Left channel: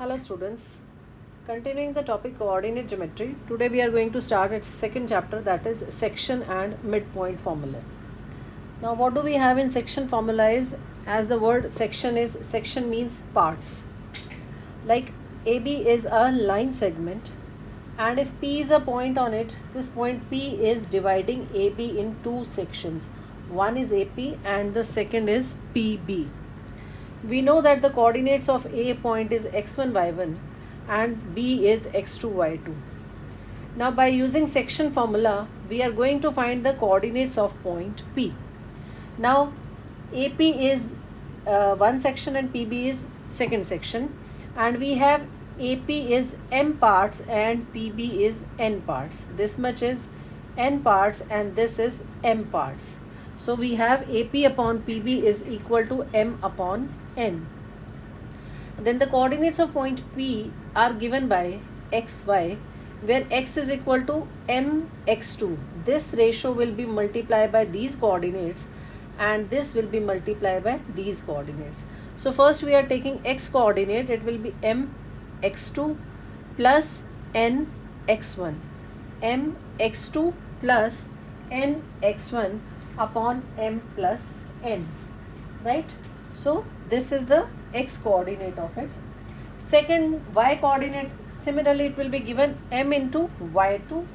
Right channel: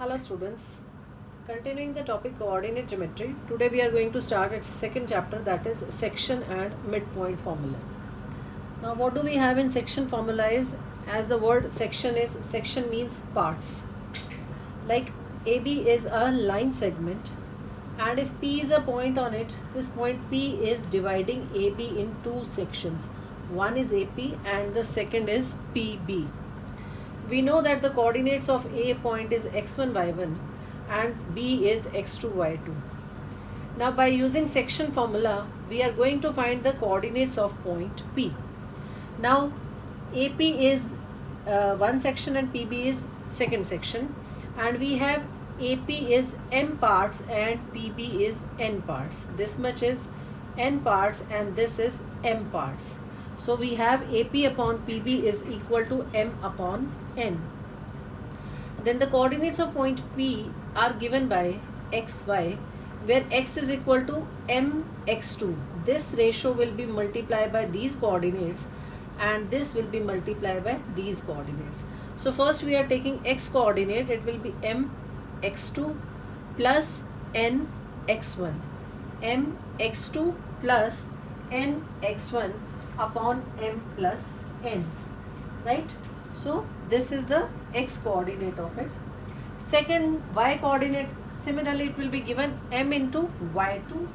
Hello students, continuing the topic coordinate geometry, today we are going to start its second chapter, that is section and midpoint formula. Now what do we have in section formula is, as the word section means parts. Like AB is a line segment, and if P is a point on it, this point P is dividing AB in two sections. One is AP and the second is PB. We know that the coordinates of A point is x1, y1 and B is x2, y2. Now by using section formula, we are going to find the coordinates of point P. Now AP is one section and PB is second section, and we have AP is m parts and PB is n parts. This much is n parts and this is m parts. So we have AP upon PB is equal to m upon n. Then the coordinates of point P are given by xy, where x is equal to mx2. This ratio will be multiplied by these coordinates and this will be multiplied by these coordinates. So first we are taking x coordinate, it will be mx2 plus nx1, mx2 plus nx1 upon m plus n, right? So this is the x coordinate of it. Second, y coordinate, similarly it will be given m into y2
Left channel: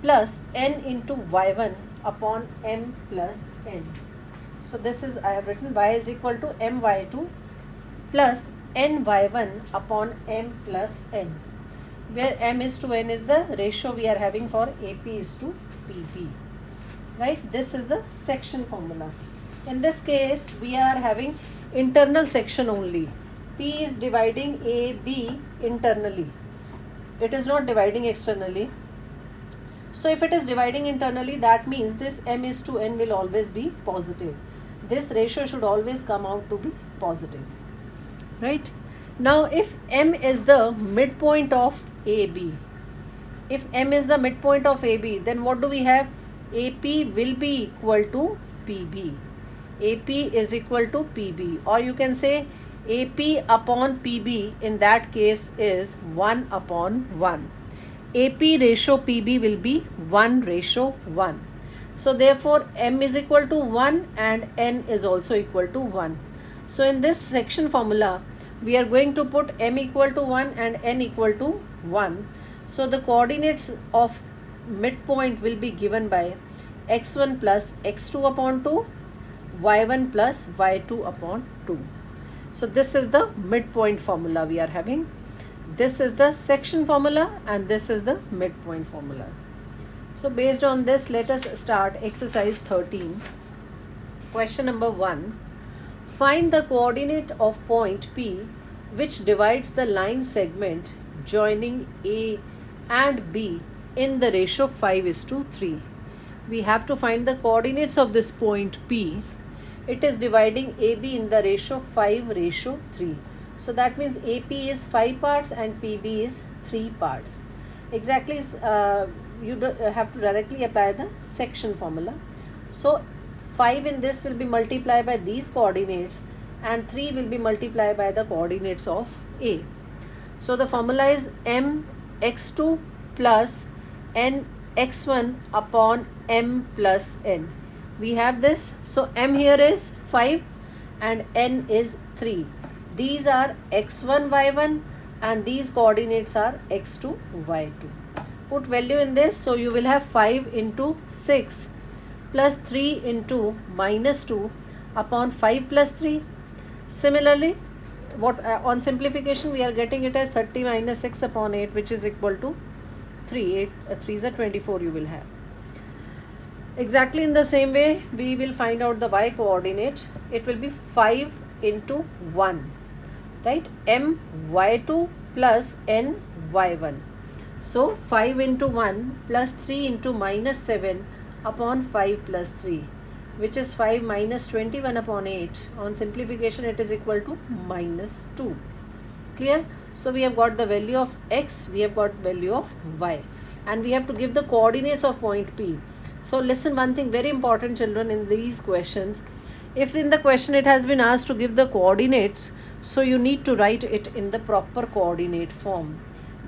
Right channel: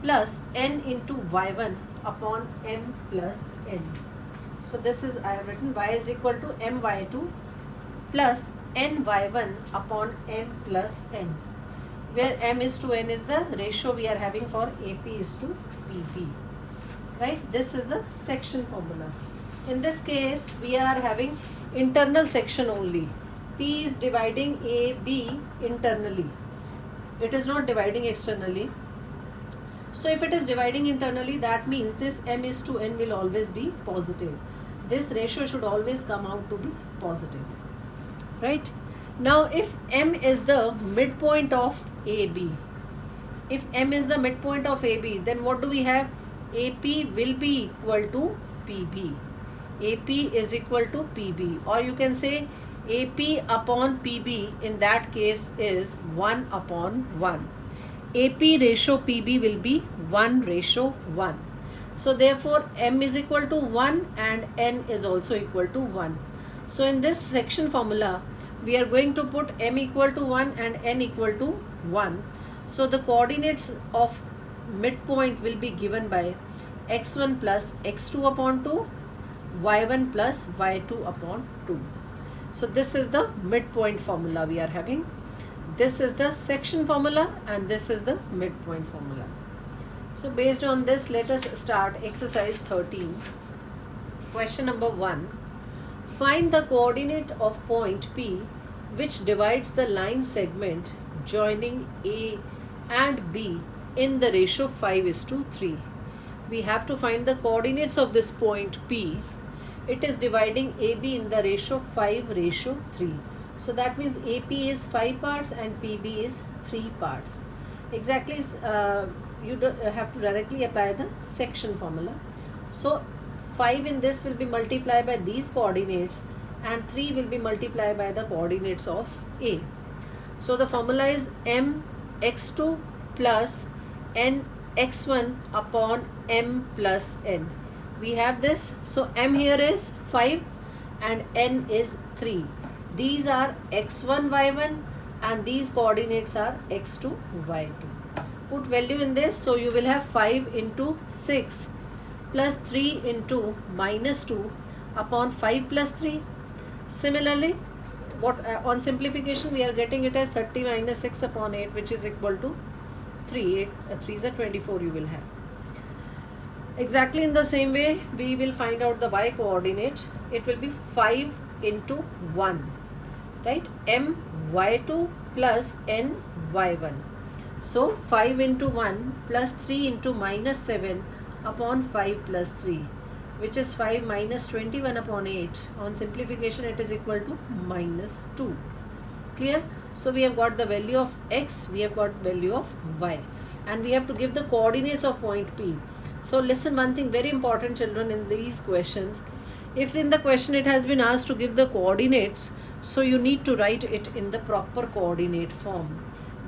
plus n into y1 upon m plus n. So this is, I have written y is equal to my2 plus ny1 upon m plus n, where m is to n is the ratio we are having for AP is to PB, right? This is the section formula. In this case we are having internal section only. P is dividing AB internally, it is not dividing externally. So if it is dividing internally, that means this m is to n will always be positive. This ratio should always come out to be positive, right? Now if m is the midpoint of AB, if m is the midpoint of AB, then what do we have? AP will be equal to PB. AP is equal to PB, or you can say AP upon PB in that case is 1 upon 1. AP ratio PB will be 1:1. So therefore m is equal to 1 and n is also equal to 1. So in this section formula, we are going to put m equal to 1 and n equal to 1. So the coordinates of midpoint will be given by x1 plus x2 upon 2, y1 plus y2 upon 2. So this is the midpoint formula we are having. This is the section formula and this is the midpoint formula. So based on this, let us start exercise 13. Question number 1. Find the coordinate of point P which divides the line segment joining A and B in the ratio 5:3. We have to find the coordinates of this point P. It is dividing AB in the ratio 5:3. So that means AP is 5 parts and PB is 3 parts. Exactly, you have to directly apply the section formula. So 5 in this will be multiplied by these coordinates and 3 will be multiplied by the coordinates of A. So the formula is mx2 plus nx1 upon m plus n. We have this. So m here is 5 and n is 3. These are x1, y1 and these coordinates are x2, y2. Put value in this, so you will have 5 into 6 plus 3 into minus 2 upon 5 plus 3. Similarly, what on simplification we are getting it as 30 minus 6 upon 8, which is equal to 3. 8 3 is a 24 you will have. Exactly in the same way, we will find out the y coordinate. It will be 5 into 1, right? M y2 plus n y1. So 5 into 1 plus 3 into minus 7 upon 5 plus 3, which is 5 minus 21 upon 8. On simplification it is equal to minus 2. Clear? So we have got the value of x, we have got value of y, and we have to give the coordinates of point P. So listen, one thing very important, children, in these questions. If in the question it has been asked to give the coordinates, So you need to write it in the proper coordinate form.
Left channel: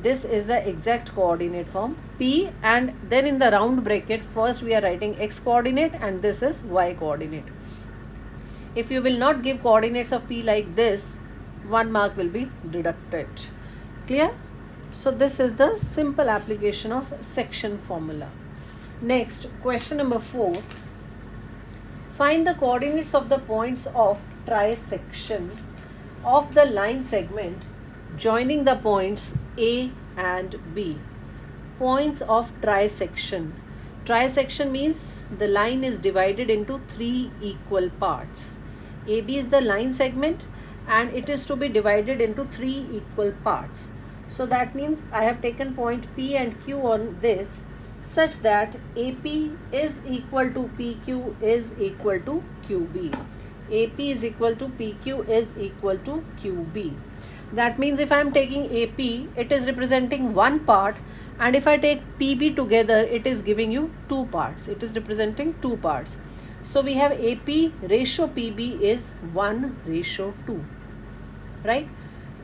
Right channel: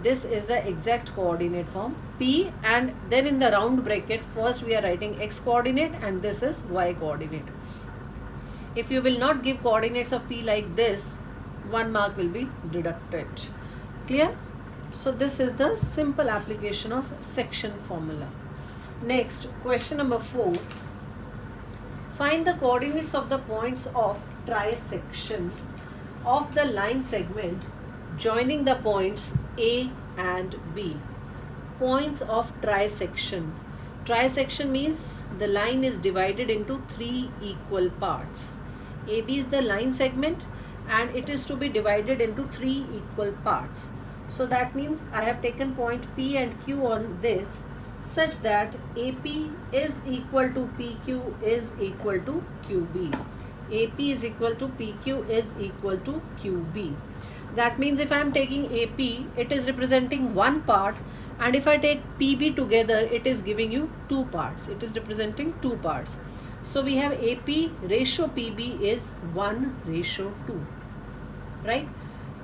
This is the exact coordinate form P, and then in the round bracket first we are writing x coordinate and this is y coordinate. If you will not give coordinates of P like this, 1 mark will be deducted. Clear? So this is the simple application of section formula. Next, question number 4. Find the coordinates of the points of trisection of the line segment joining the points A and B. Points of trisection. Trisection means the line is divided into 3 equal parts. AB is the line segment and it is to be divided into 3 equal parts. So that means I have taken point P and Q on this such that AP is equal to PQ is equal to QB. AP is equal to PQ is equal to QB. That means if I am taking AP, it is representing one part, and if I take PB together, it is giving you two parts. It is representing two parts. So we have AP ratio PB is 1:2. Right?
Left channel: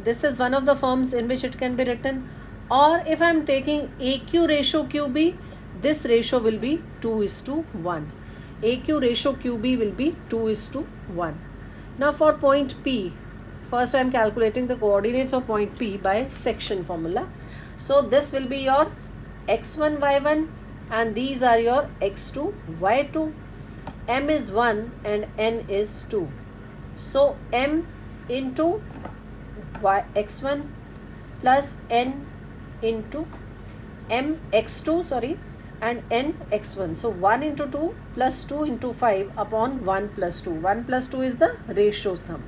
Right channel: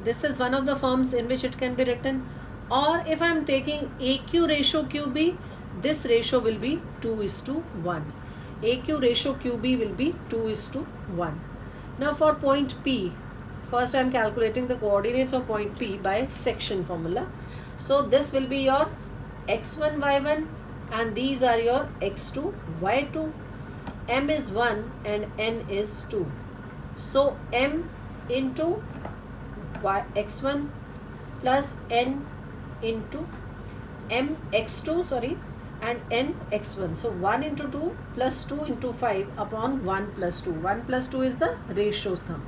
This is one of the forms in which it can be written. Or if I am taking AQ ratio QB, this ratio will be 2:1. AQ ratio QB will be 2:1. Now for point P, first I am calculating the coordinates of point P by section formula. So this will be your x1, y1 and these are your x2, y2. M is 1 and n is 2. So m into x1 plus n into m x2 and n x1. So 1 into 2 plus 2 into 5 upon 1 plus 2. 1 plus 2 is the ratio sum.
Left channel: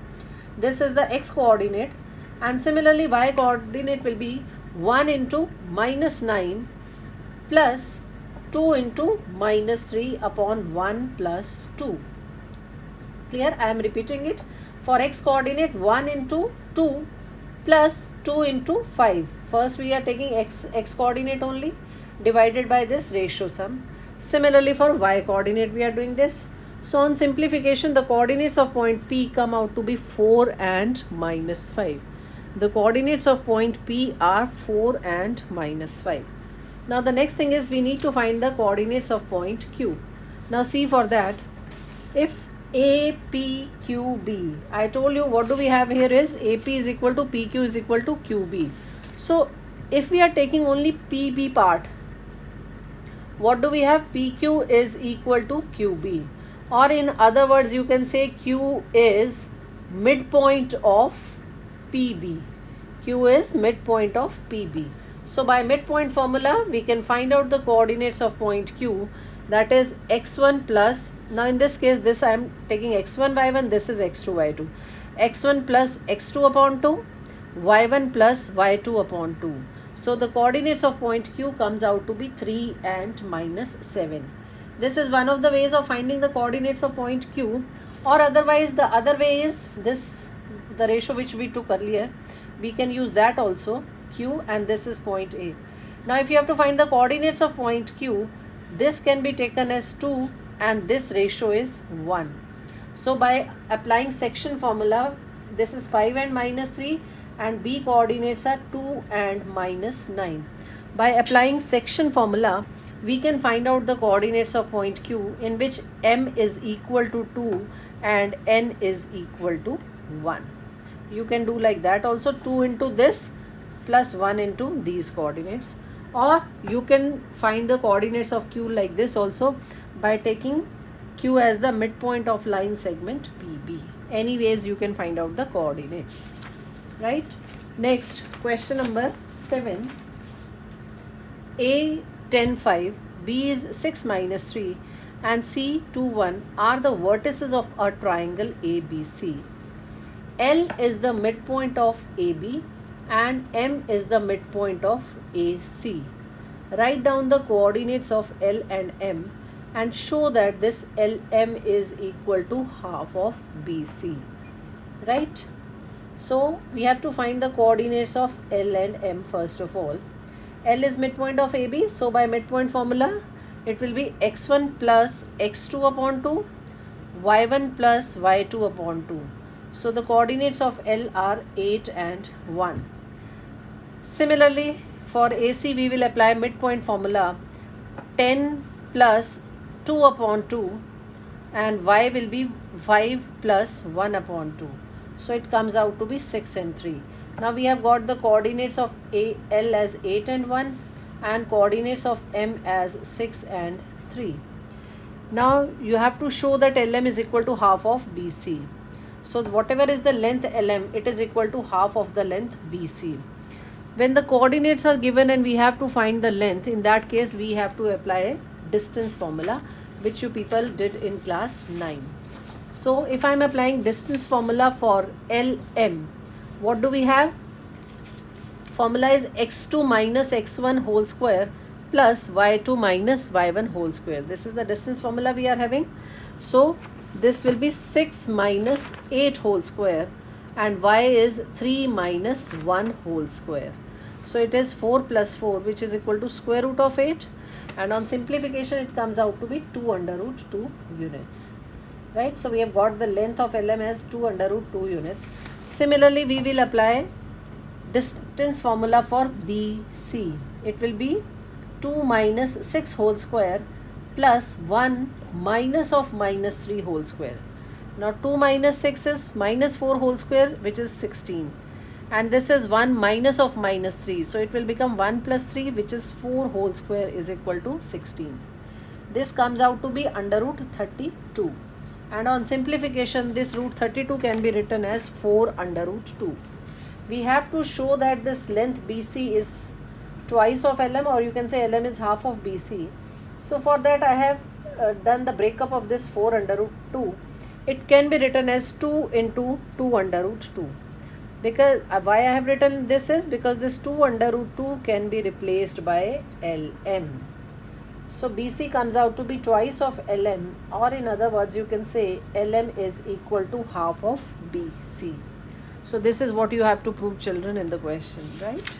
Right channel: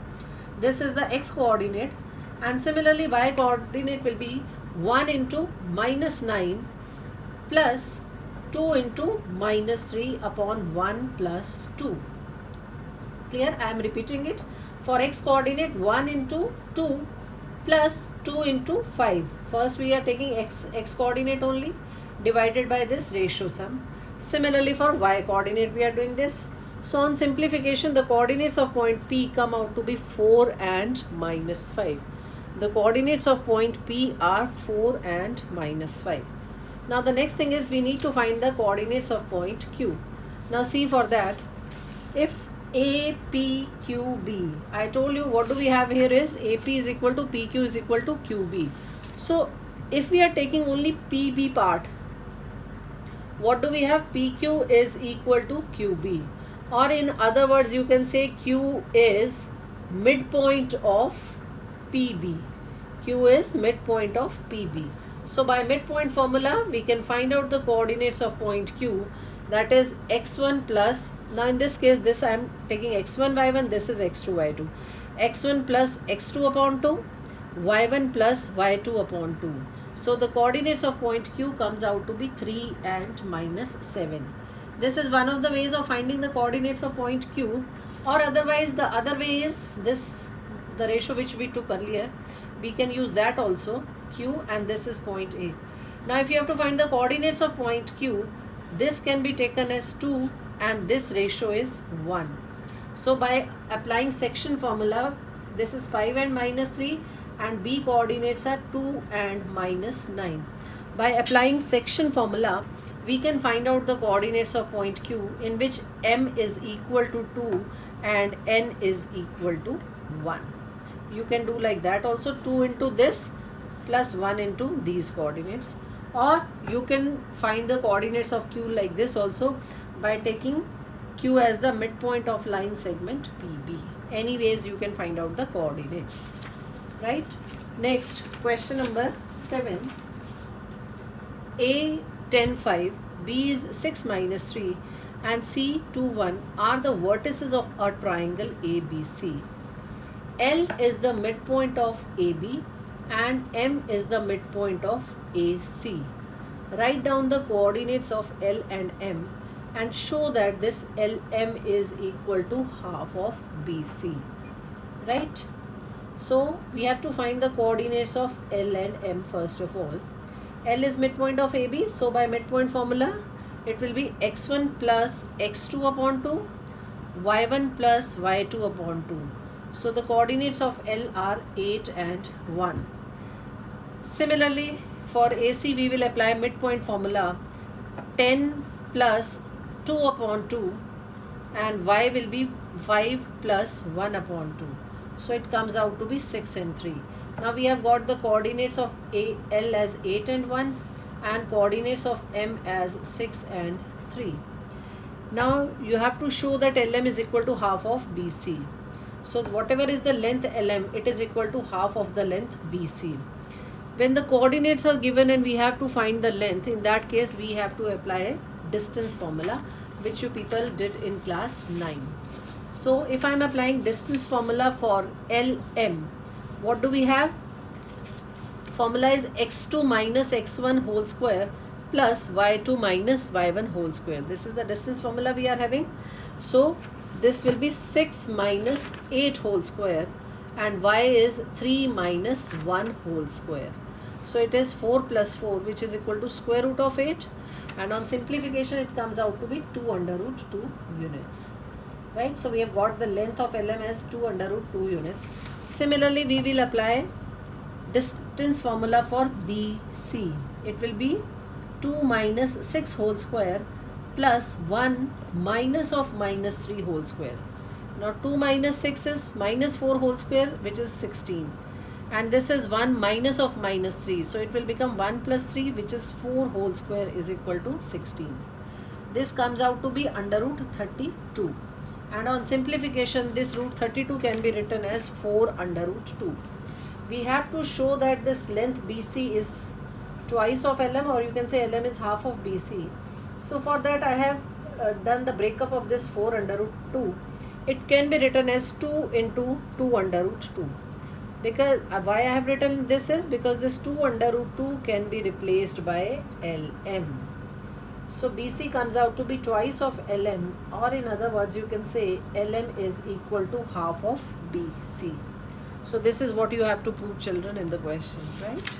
This is the x coordinate, and similarly y coordinate will be 1 into -9 plus 2 into -3 upon 1 plus 2. Clear? I am repeating it. For x coordinate 1 into 2 plus 2 into 5. First we are taking x coordinate only divided by this ratio sum. Similarly for y coordinate we are doing this. So on simplification, the coordinates of point P come out to be 4 and -5. The coordinates of point P are 4 and -5. Now the next thing is we need to find the coordinates of point Q. Now see, for that, if APQB, I told you what do we have here is AP is equal to PQ is equal to QB. So if we are taking only PB part, what do we have? PQ is equal to QB. Or in other words, you can say Q is midpoint of PB. Q is midpoint of PB. So by midpoint formula, we can find out the coordinates of point Q, that is x1 plus, now in this case, this I am taking x1, y1, this is x2, y2. x1 plus x2 upon 2, y1 plus y2 upon 2. So the coordinates of point Q comes out to be 3 and -7. This is one of the ways of finding the coordinates of point Q, or otherwise the other way is this, the ratio which we took earlier. We can use that also, Q, and this is point A. Now if you have to find the coordinates of point Q, this can be taken as 2 and this ratio is 1. So by applying section formula, this is 5 and -3 and B coordinates are 2 and -9. By applying section formula, we can find out the coordinates of point Q in which m is equal to 2 and n is equal to 1. You can do like that also, 2 into this plus 1 into these coordinates. Or you can find the coordinates of Q like this also by taking Q as the midpoint of line segment PB. Anyways, you can find out the coordinates. Right? Next, question number 7. A 10, 5, B is 6 minus 3 and C 2, 1 are the vertices of a triangle ABC. L is the midpoint of AB and M is the midpoint of AC. Write down the coordinates of L and M and show that this LM is equal to half of BC. Right? So we have to find the coordinates of L and M first of all. L is midpoint of AB, so by midpoint formula, it will be x1 plus x2 upon 2, y1 plus y2 upon 2. So the coordinates of L are 8 and 1. Similarly, for AC we will apply midpoint formula 10 plus 2 upon 2, and y will be 5 plus 1 upon 2. So it comes out to be 6 and 3. Now we have got the coordinates of L as 8 and 1 and coordinates of M as 6 and 3. Now you have to show that LM is equal to half of BC. So whatever is the length LM, it is equal to half of the length BC. When the coordinates are given and we have to find the length, in that case we have to apply a distance formula, which you people did in class 9. So if I am applying distance formula for LM, what do we have? Formula is x2 minus x1 whole square plus y2 minus y1 whole square. This is the distance formula we are having. So this will be 6 minus 8 whole square and y is 3 minus 1 whole square. So it is 4 plus 4, which is equal to square root of 8, and on simplification it comes out to be 2 under root 2 units. Right? So we have got the length of LM as 2 under root 2 units. Similarly, we will apply distance formula for BC. It will be 2 minus 6 whole square plus 1 minus of minus 3 whole square. Now 2 minus 6 is minus 4 whole square, which is 16. And this is 1 minus of minus 3. So it will become 1 plus 3, which is 4 whole square is equal to 16. This comes out to be under root 32. And on simplification, this root 32 can be written as 4 under root 2. We have to show that this length BC is twice of LM, or you can say LM is half of BC. So for that I have done the breakup of this 4 under root 2. It can be written as 2 into 2 under root 2. Because why I have written this is because this 2 under root 2 can be replaced by LM. So BC comes out to be twice of LM, or in other words you can say LM is equal to half of BC. So this is what you have to prove, children, in the question, right?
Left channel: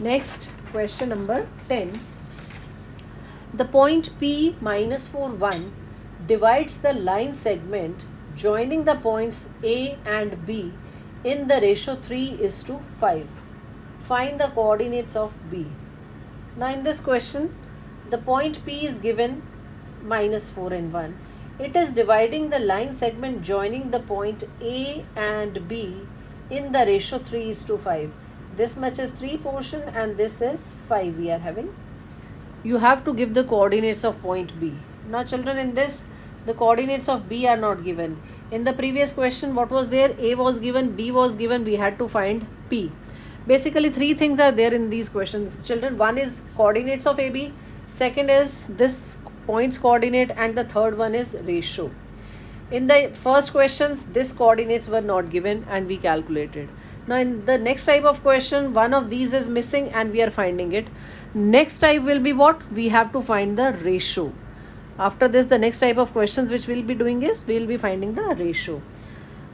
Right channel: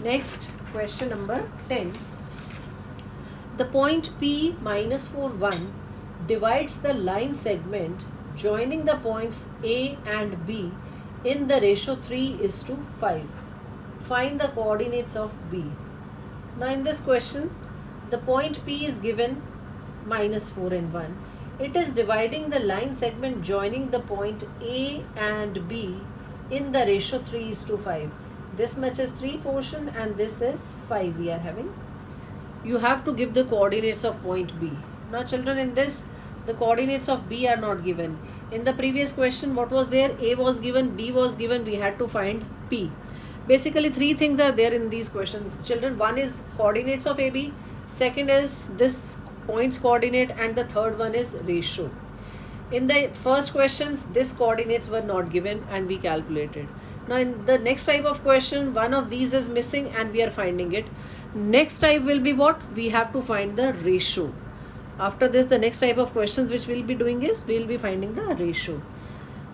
Next, question number 10. The point P minus 4, 1 divides the line segment joining the points A and B in the ratio 3:5. Find the coordinates of B. Now in this question, the point P is given minus 4 and 1. It is dividing the line segment joining the point A and B in the ratio 3:5. This much is 3 portion and this is 5 we are having. You have to give the coordinates of point B. Now children, in this the coordinates of B are not given. In the previous question, what was there? A was given, B was given, we had to find P. Basically 3 things are there in these questions, children. One is coordinates of AB, second is this point's coordinate, and the third one is ratio. In the first questions, this coordinates were not given and we calculated. Now in the next type of question, one of these is missing and we are finding it. Next type will be what? We have to find the ratio. After this, the next type of questions which we'll be doing is we'll be finding the ratio.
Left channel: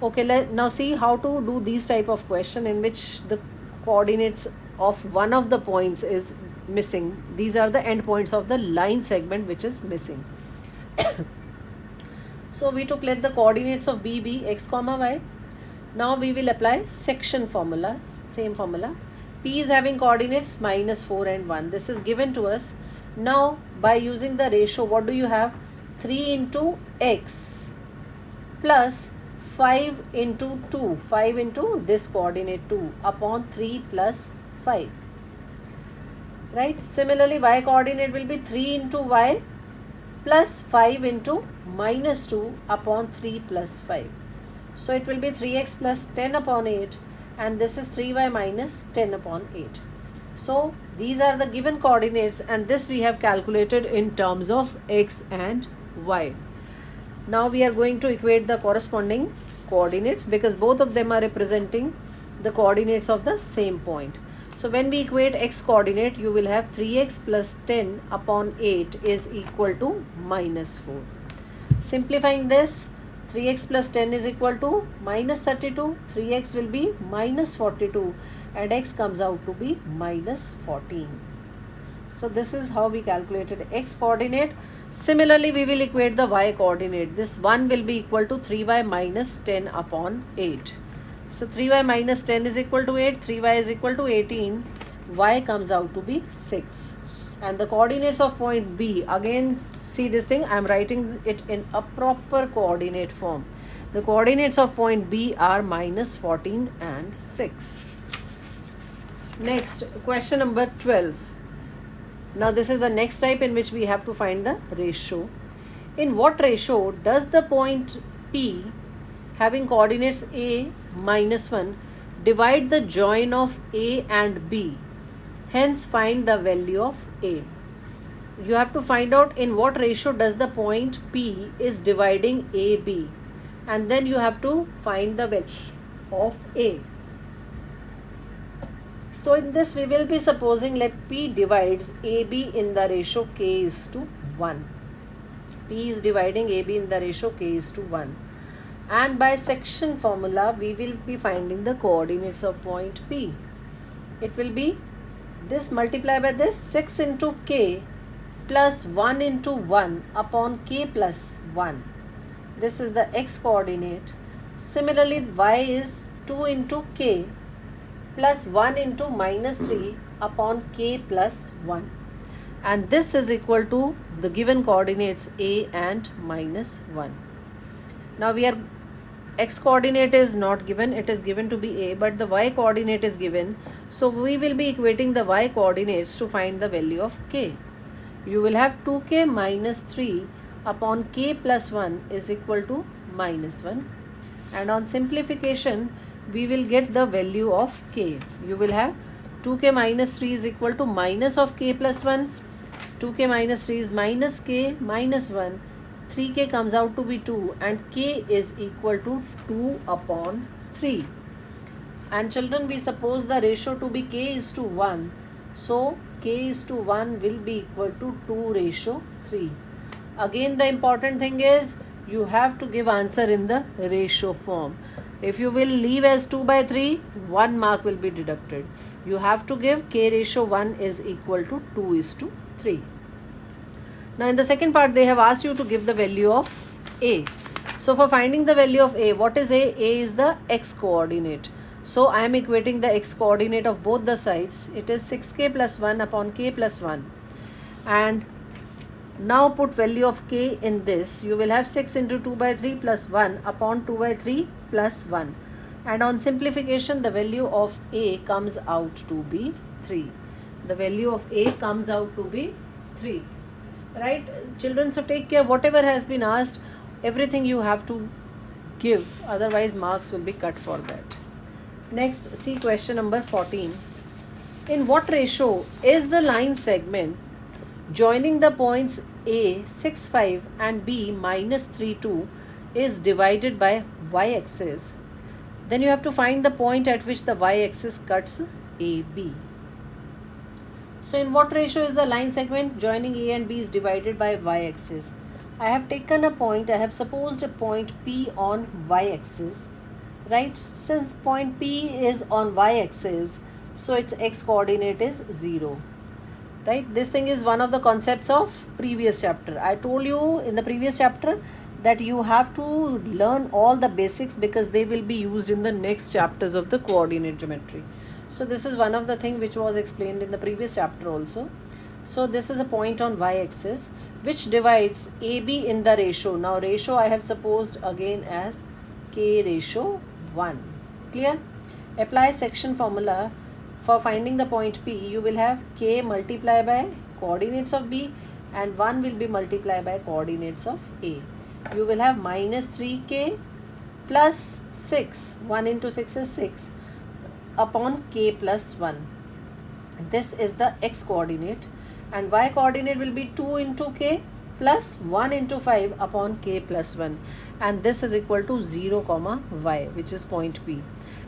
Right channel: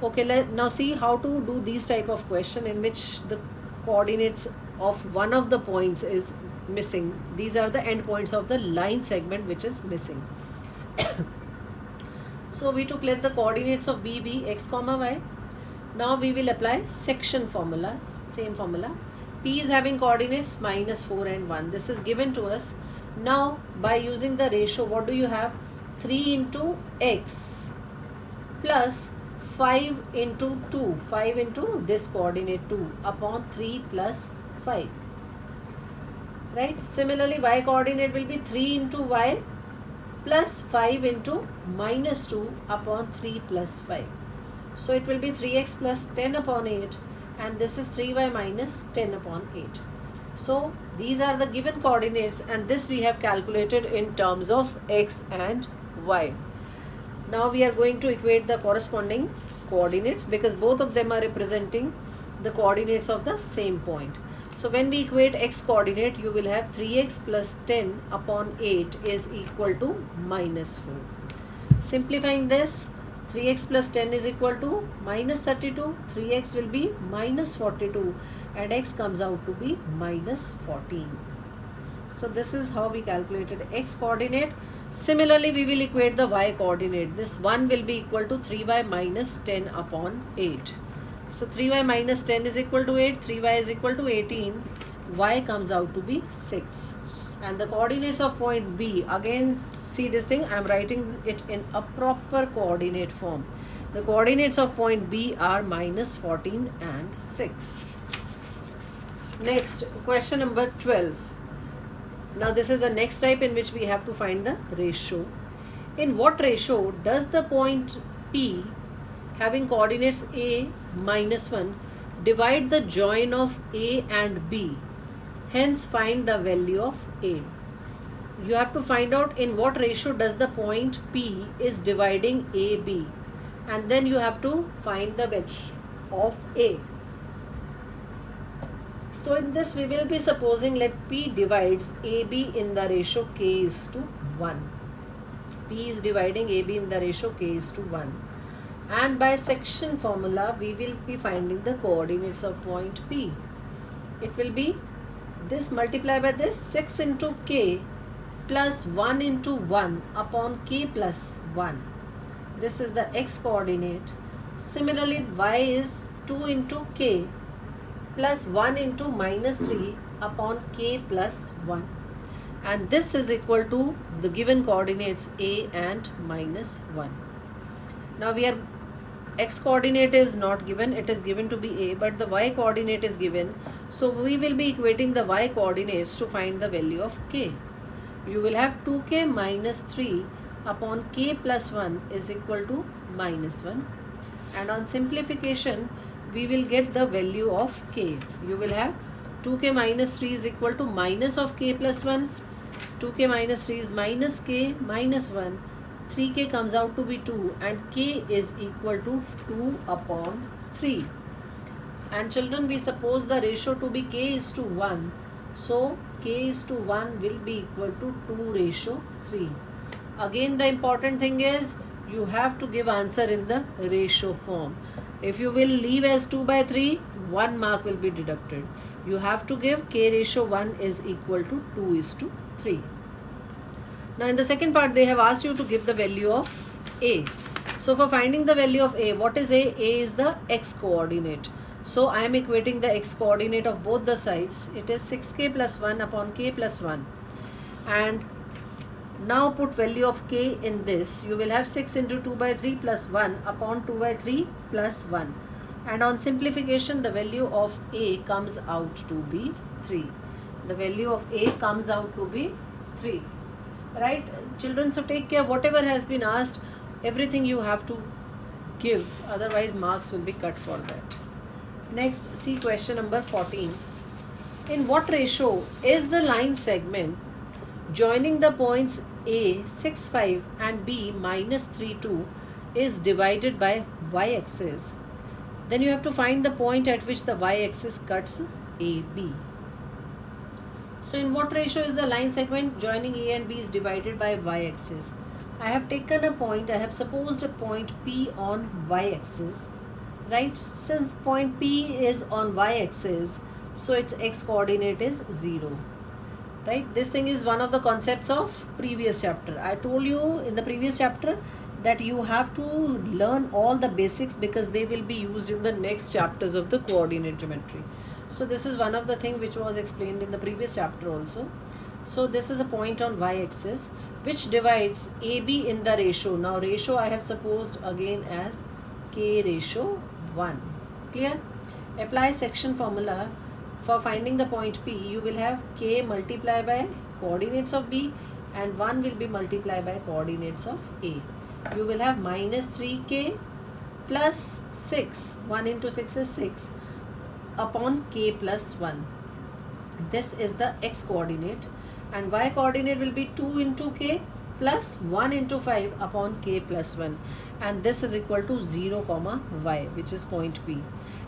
Okay, now see how to do these type of question in which the coordinates of one of the points is missing. These are the endpoints of the line segment which is missing. So we took let the coordinates of B be x comma y. Now we will apply section formula, same formula. P is having coordinates minus 4 and 1. This is given to us. Now by using the ratio, what do you have? 3 into x plus 5 into 2. 5 into this coordinate 2 upon 3 plus 5. Right? Similarly, y coordinate will be 3 into y plus 5 into minus 2 upon 3 plus 5. So it will be 3x plus 10 upon 8, and this is 3y minus 10 upon 8. So these are the given coordinates, and this we have calculated in terms of x and y. Now we are going to equate the corresponding coordinates because both of them are representing the coordinates of the same point. So when we equate x coordinate, you will have 3x plus 10 upon 8 is equal to minus 4. Simplifying this, 3x plus 10 is equal to minus 32, 3x will be minus 42, and x comes out to be minus 14. So this is how we calculated x coordinate. Similarly, we will equate the y coordinate. This 1 will be equal to 3y minus 10 upon 8. So 3y minus 10 is equal to 8, 3y is equal to 18, y comes out to be 6. And the coordinates of point B, again see this thing, I am writing it in a proper coordinate form. The coordinates of point B are minus 14 and 6. Next, question number 12. Now this is the next type in which we have to find the ratio. In what ratio does the point P having coordinates A minus 1 divide the join of A and B? Hence find the value of A. You have to find out in what ratio does the point P is dividing AB, and then you have to find the value of A. So in this we will be supposing let P divides AB in the ratio K is to 1. P is dividing AB in the ratio K is to 1. And by section formula we will be finding the coordinates of point P. It will be this multiplied by this 6 into K plus 1 into 1 upon K plus 1. This is the x coordinate. Similarly, y is 2 into K plus 1 into minus 3 upon K plus 1. And this is equal to the given coordinates A and minus 1. Now we are x coordinate is not given, it is given to be A, but the y coordinate is given. So we will be equating the y coordinates to find the value of K. You will have 2K minus 3 upon K plus 1 is equal to minus 1. And on simplification, we will get the value of K. You will have 2K minus 3 is equal to minus of K plus 1. 2K minus 3 is minus K minus 1. 3K comes out to be 2 and K is equal to 2 upon 3. And children, we suppose the ratio to be K is to 1. So K is to 1 will be equal to 2 ratio 3. Again, the important thing is you have to give answer in the ratio form. If you will leave as 2 by 3, 1 mark will be deducted. You have to give K ratio 1 is equal to 2 is to 3. Now in the second part they have asked you to give the value of A. So for finding the value of A, what is A? A is the x coordinate. So I am equating the x coordinate of both the sides. It is 6K plus 1 upon K plus 1. And now put value of K in this. You will have 6 into 2 by 3 plus 1 upon 2 by 3 plus 1. And on simplification the value of A comes out to be 3. The value of A comes out to be 3. Right, children, so take care, whatever has been asked, everything you have to give, otherwise marks will be cut for that. Next, see question number 14. In what ratio is the line segment joining the points A 6 5 and B minus 3 2 is divided by y-axis? Then you have to find the point at which the y-axis cuts AB. So in what ratio is the line segment joining A and B is divided by y-axis? I have taken a point, I have supposed a point P on y-axis, right? Since point P is on y-axis, so its x coordinate is 0, right? This thing is one of the concepts of previous chapter. I told you in the previous chapter that you have to learn all the basics because they will be used in the next chapters of the coordinate geometry. So this is one of the thing which was explained in the previous chapter also. So this is a point on y-axis which divides AB in the ratio. Now ratio I have supposed again as K ratio 1. Clear? Apply section formula for finding the point P. You will have K multiplied by coordinates of B and 1 will be multiplied by coordinates of A. You will have minus 3K plus 6. 1 into 6 is 6. Upon K plus 1. This is the x coordinate and y coordinate will be 2 into K plus 1 into 5 upon K plus 1, and this is equal to 0 comma y, which is point P.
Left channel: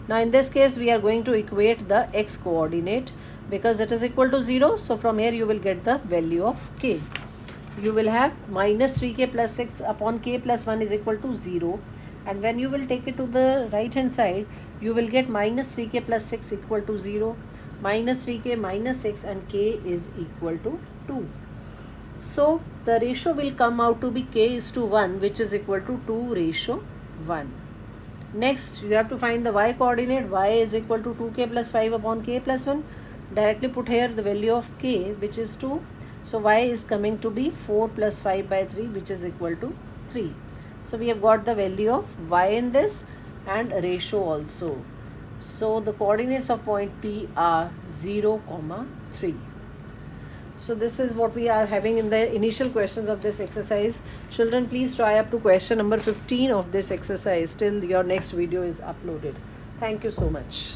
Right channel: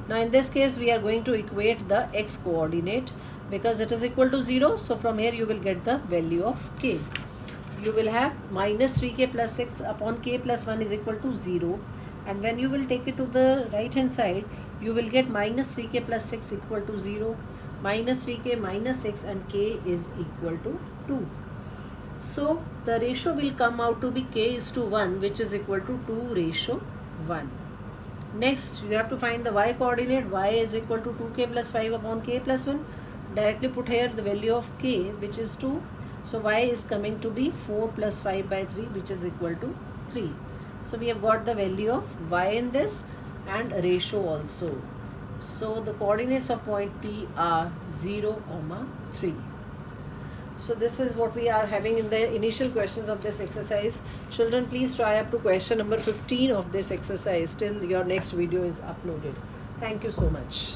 Now in this case we are going to equate the x coordinate because it is equal to 0. So from here you will get the value of K. You will have minus 3K plus 6 upon K plus 1 is equal to 0, and when you will take it to the right hand side you will get minus 3K plus 6 equal to 0, minus 3K minus 6, and K is equal to 2. So the ratio will come out to be k is to 1, which is equal to 2:1. Next, you have to find the y coordinate. Y is equal to 2k plus 5 upon k plus 1. Directly put here the value of k, which is 2. So y is coming to be 4 plus 5 by 3, which is equal to 3. So we have got the value of y in this and ratio also. So the coordinates of point P are 0, 3. So this is what we are having in the initial questions of this exercise. Children, please try up to question number 15 of this exercise till your next video is uploaded. Thank you so much.